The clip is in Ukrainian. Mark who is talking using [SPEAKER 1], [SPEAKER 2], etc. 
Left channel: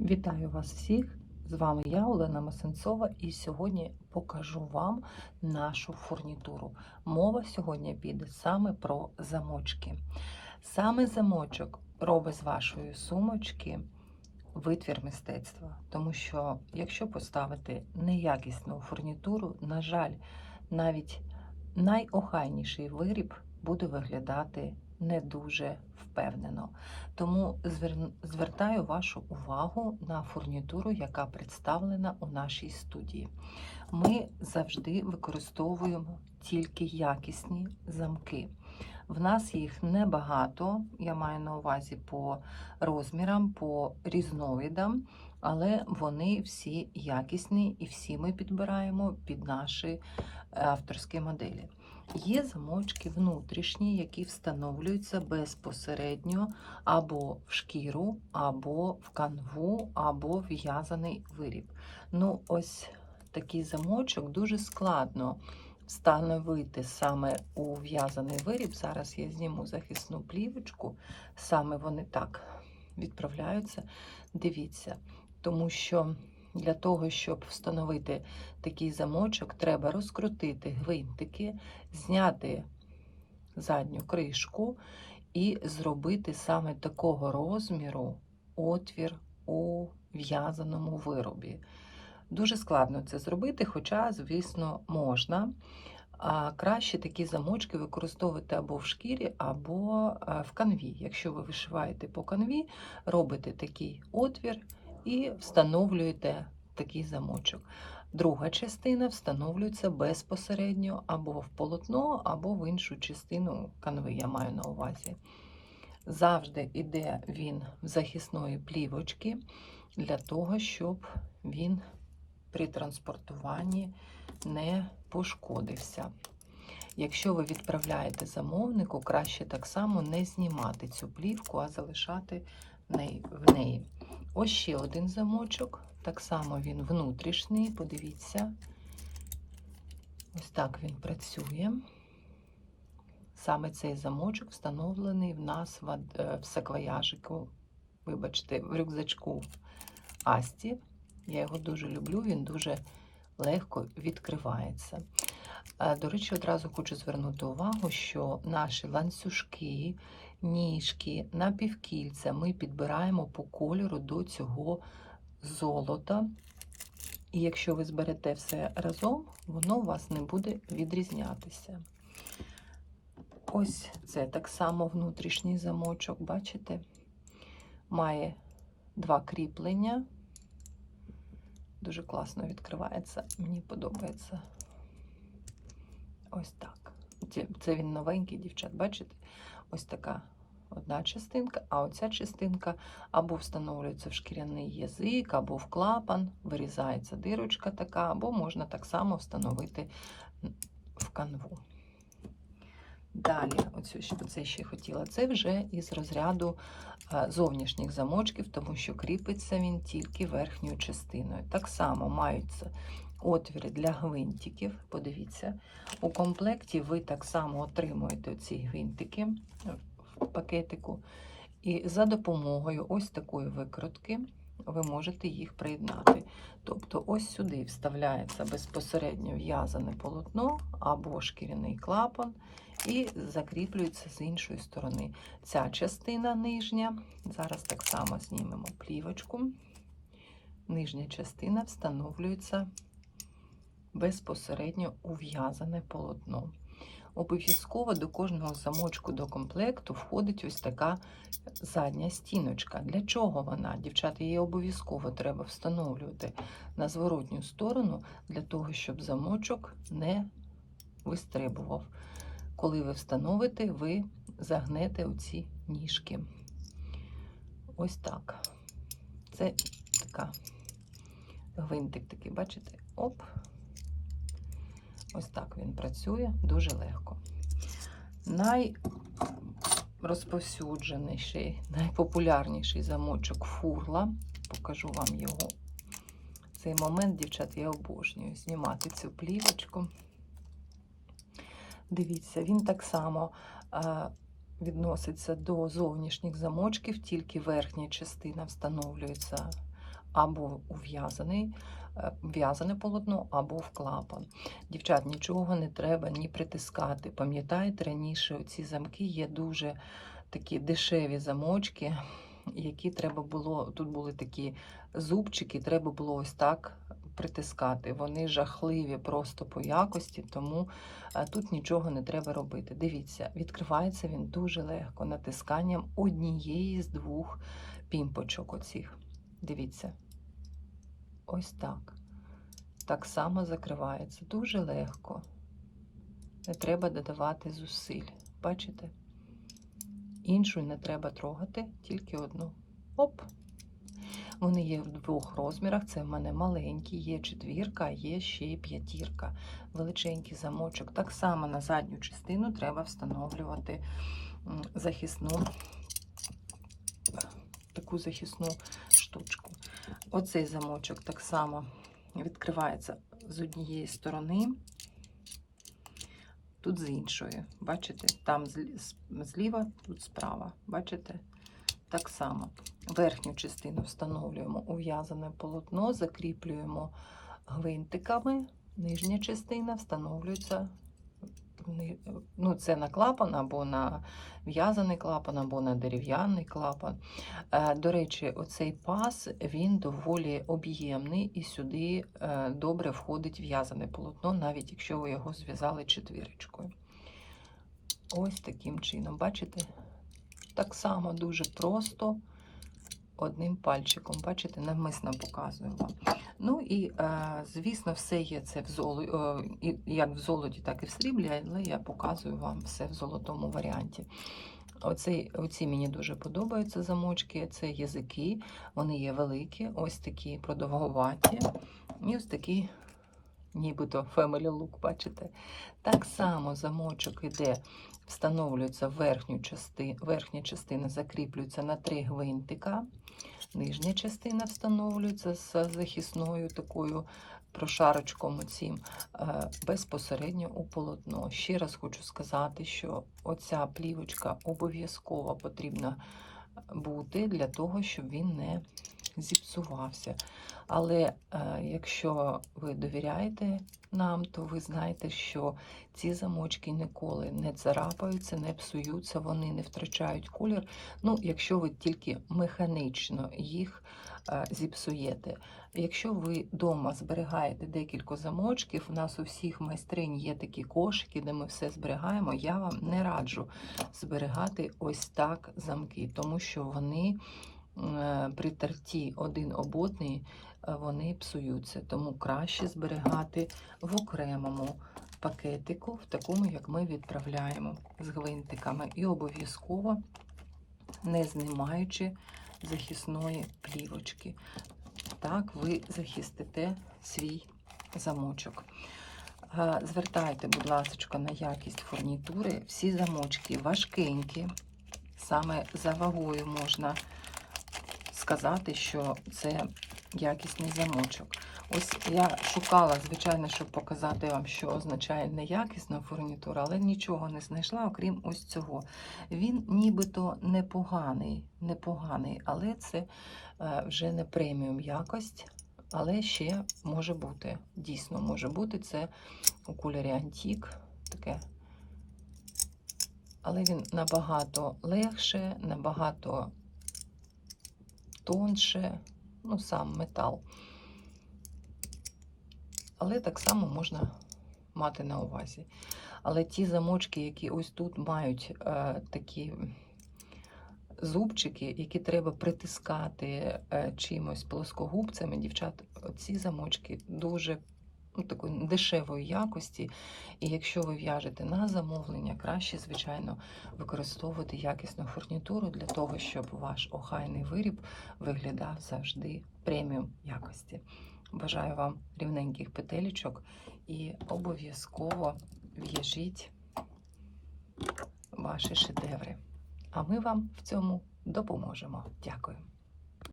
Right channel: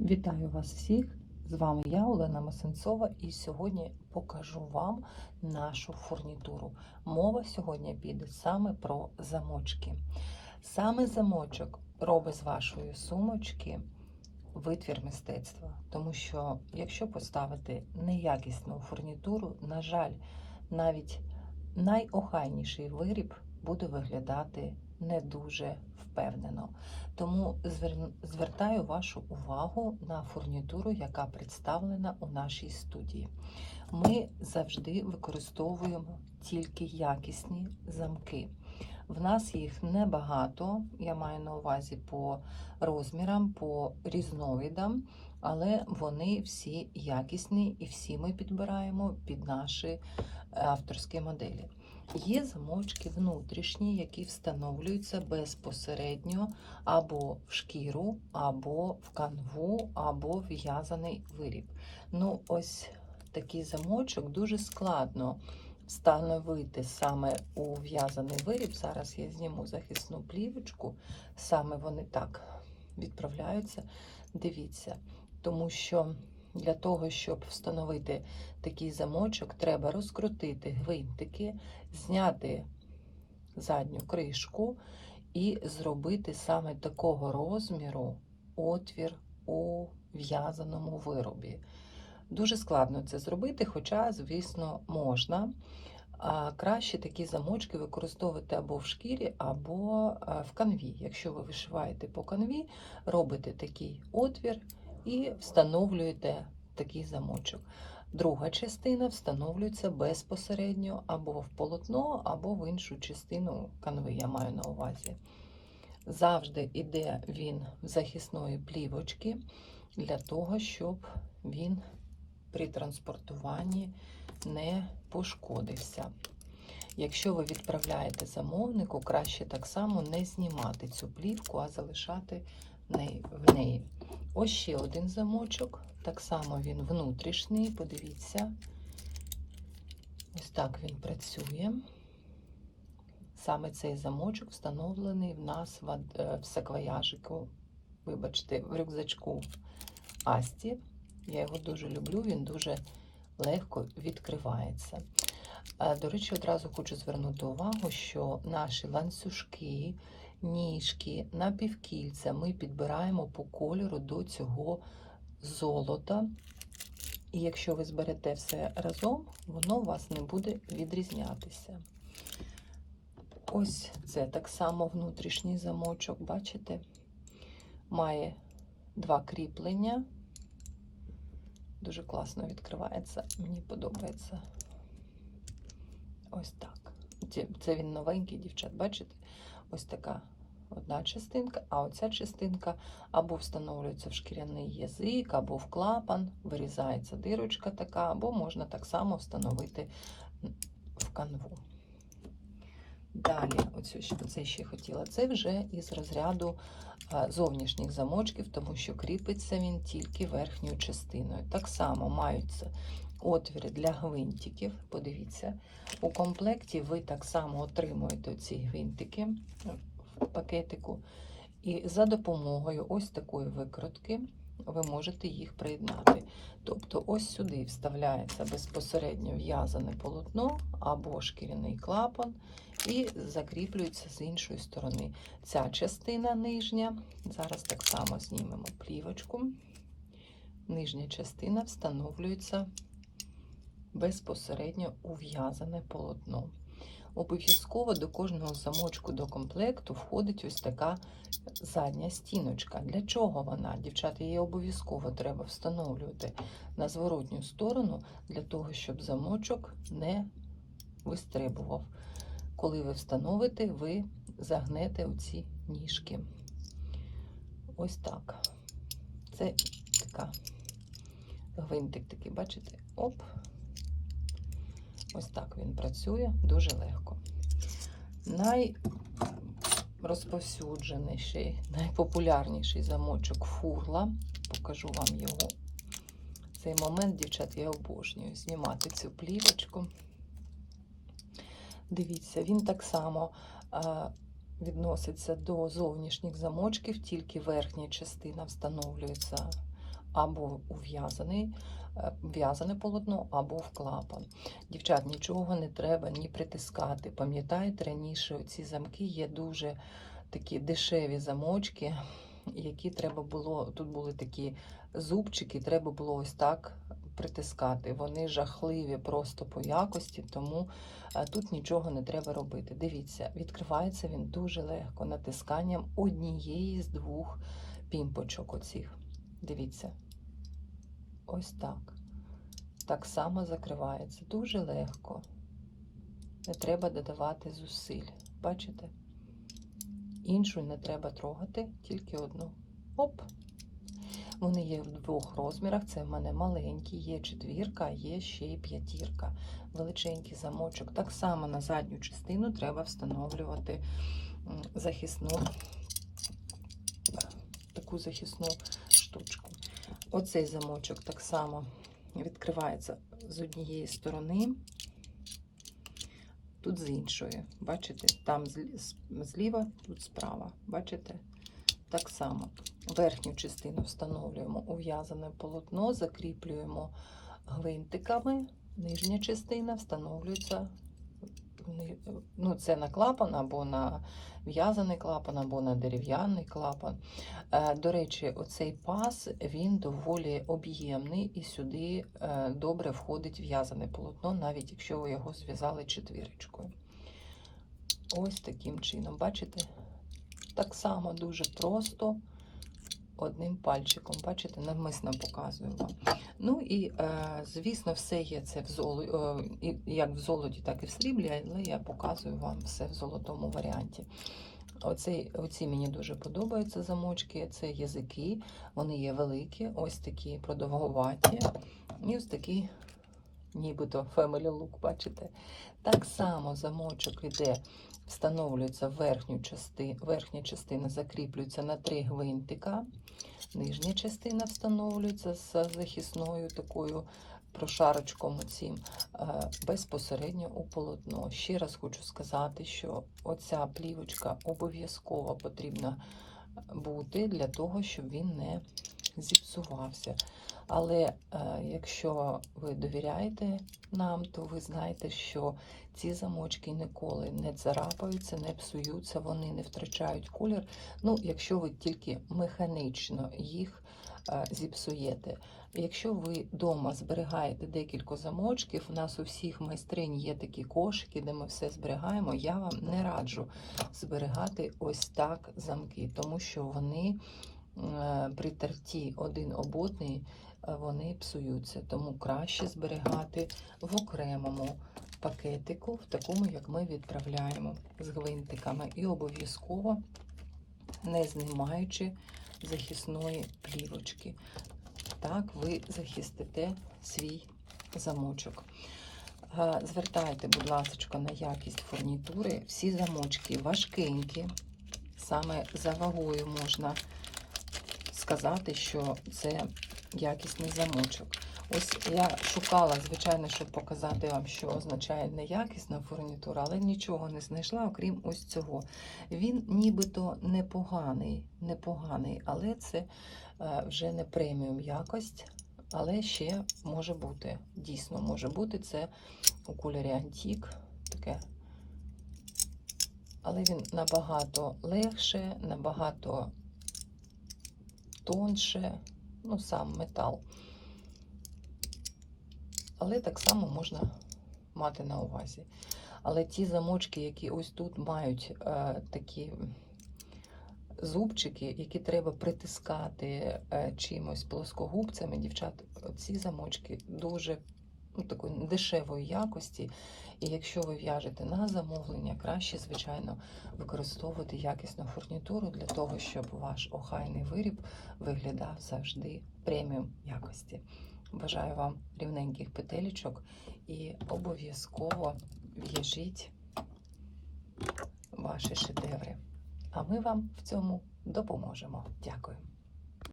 [SPEAKER 1] Вітаю вас всіх! З вами я, Олена Масенцова, і сьогодні покажу вам нашу фурнітуру. Мова сьогодні піде саме про замочки. Саме замочок робить з вашої сумочки витвір мистецтва. Тому що, якщо поставити неякісну фурнітуру, на жаль, навіть найохайніший виріб буде виглядати не дуже впевнено. Тому звертаю вашу увагу на фурнітуру, яка представлена у нашій студії. Ми завжди використовуємо тільки якісні замки. В нас їх небагато, я маю на увазі по розмірам, по різновидам, але вони всі якісні і всі ми підбираємо під наші е, авторські моделі. Є замочки внутрішні, які встановлюються безпосередньо або в шкіру, або в канву, або в в'язаний виріб. Ну, ось такий замочок дуже складно встановити саме у в'язаний виріб. Зараз я зніму захисну плівочку, саме вони так відправляються. Дивіться, тому що для того, щоб встановити такий замочок, треба розкрутити гвинтики, зняти задню кришку і зробити саме такого розміру отвір у в'язаному виробі. Дуже складно це зробити, хоча, звісно, можна. А краще такі замочки використовувати або в шкірі, або е, в канві. Якщо ви вишиваєте по канві, робите такий отвір і встановлюєте такий замочок. Друга частина встановлюється безпосередньо або в полотно, або в іншу частину канви, я маю на увазі. Завжди йде він в захисної плівочки для того, щоб він при транспортуванні не пошкодився. Якщо ви відправляєте замовнику, краще так само не знімати цю плівку, а залишати в неї. Ось ще один замочок. Так само він внутрішній, подивіться, ось так він працює. Саме цей замочок встановлений в нас в, е, саквояжику, вибачте, в рюкзачку Асті. Я його дуже люблю, він дуже легко відкривається. Е, До речі, одразу хочу звернути увагу, що наші ланцюжки, ніжки, напівкільця ми підбираємо по кольору до цього золота. І якщо ви зберете все разом, воно у вас не буде відрізнятися. Ось це так само внутрішній замочок, бачите? Має два кріплення. Дуже класно відкривається, мені подобається. Ось так. Це він новенький, дівчат, бачите? Ось така одна частинка, а оця частинка або встановлюється в шкіряний язик, або в клапан, вирізається дирочка така, або можна так само встановити в канву. Далі, оцю, оце ще хотіла. Це вже із розряду зовнішніх замочків, тому що кріпиться він тільки верхньою частиною. Так само маються отвіри для гвинтиків. Подивіться, у комплекті ви так само отримуєте ці гвинтики в пакетику, і за допомогою ось такої викрутки ви можете їх приєднати. Тобто, ось сюди вставляється безпосередньо в'язане полотно або шкіряний клапан, і закріплюється з іншої сторони. Ця частина нижня, зараз так само знімемо плівочку. Нижня частина встановлюється безпосередньо у в'язане полотно. Обов'язково до кожного замочку до комплекту входить ось така задня стіночка. Для чого вона? Дівчата, її обов'язково треба встановлювати на зворотню сторону, для того, щоб замочок не вистрибував. Коли ви встановите, ви загнете оці ніжки. Ось так. Це така гвинтик такий, бачите? Оп. Ось так він працює дуже легко. Найрозповсюдженіший, найпопулярніший замочок фурла. Покажу вам його. Цей момент, дівчат, я обожнюю знімати цю плівочку. Дивіться, він так само відноситься до зовнішніх замочків, тільки верхня частина встановлюється або у в'язаний, е, в'язане полотно, або в клапан. Дівчат, нічого не треба ні притискати. Пам'ятаєте, раніше ці замки є дуже такі дешеві замочки, які треба було, тут були такі зубчики, треба було ось так притискати. Вони жахливі просто по якості, тому е, тут нічого не треба робити. Дивіться, відкривається він дуже легко натисканням однієї з двох пімпочок. Оцих. Дивіться. Ось так. Так само закривається. Дуже легко. Не треба додавати зусиль. Бачите? Іншу не треба трогати, тільки одну. Оп! Вони є в двох розмірах. Це в мене маленькі, є четвірка, є ще й п'ятірка. Величенький замочок. Так само на задню частину треба встановлювати захисну, таку захисну штучку. Оцей замочок так само відкривається з однієї сторони, тут з іншої. Бачите? Там зліва, тут справа. Бачите? Так само. Верхню частину встановлюємо у в'язане полотно, закріплюємо гвинтиками. Нижня частина встановлюється ну, це на клапан або на в'язаний клапан, або на дерев'яний клапан. Е, До речі, оцей пас він доволі об'ємний і сюди е, добре входить в'язане полотно, навіть якщо ви його зв'язали четвірочкою. Ось таким чином, бачите? Так само дуже просто одним пальчиком. Бачите, навмисно показую вам. Ну і, е, звісно, все є це в золоті, як в золоті, так і в сріблі, але я показую вам все в золотому варіанті. Оці, оці мені дуже подобаються замочки. Це язики, вони є великі, ось такі продовгуваті. І ось такі, нібито family look, бачите? Так само замочок іде, встановлюється в верхню частину, верхня частина закріплюється на три гвинтика. Нижня частина встановлюється з захисною такою прошарочком цим безпосередньо у полотно. Ще раз хочу сказати, що оця плівочка обов'язково потрібна бути для того, щоб він не зіпсувався. Але е, якщо ви довіряєте нам, то ви знаєте, що ці замочки ніколи не царапаються, не псуються, вони не втрачають колір. Ну, якщо ви тільки механічно їх е, зіпсуєте. Якщо ви вдома зберігаєте декілька замочків, у нас у всіх майстринь є такі кошики, де ми все зберігаємо. Я вам не раджу зберігати ось так замки, тому що вони при терті один об одний е, вони псуються. Тому краще зберігати в окремому пакетику, в такому, як ми відправляємо з гвинтиками, і обов'язково не знімаючи захисної плівочки. Так, ви захистите свій замочок. Е, Звертайте, будь ласка, на якість фурнітури. Всі замочки важкенькі. Саме за вагою можна сказати, що це якісний замочок. Ось я шукала, звичайно, щоб показати вам, що означає неякісна фурнітура, але нічого не знайшла, окрім ось цього. Він нібито непоганий, непоганий, але це е, вже не преміум якость, але ще може бути. Дійсно може бути. Це у кольорі Антік. Таке. Але він набагато легше, набагато тонше, ну, сам метал. Але так само можна мати на увазі. Але ті замочки, які ось тут мають е, такі зубчики, які треба притискати е, чимось плоскогубцями, дівчат, ці замочки дуже ну, такої дешевої якості. І якщо ви в'яжете на замовлення, краще, звичайно, використовувати якісну фурнітуру для того, щоб ваш охайний виріб виглядав завжди преміум якості. Бажаю вам рівненьких петелечок і обов'язково в'яжіть ваші шедеври. А ми вам в цьому допоможемо. Дякую.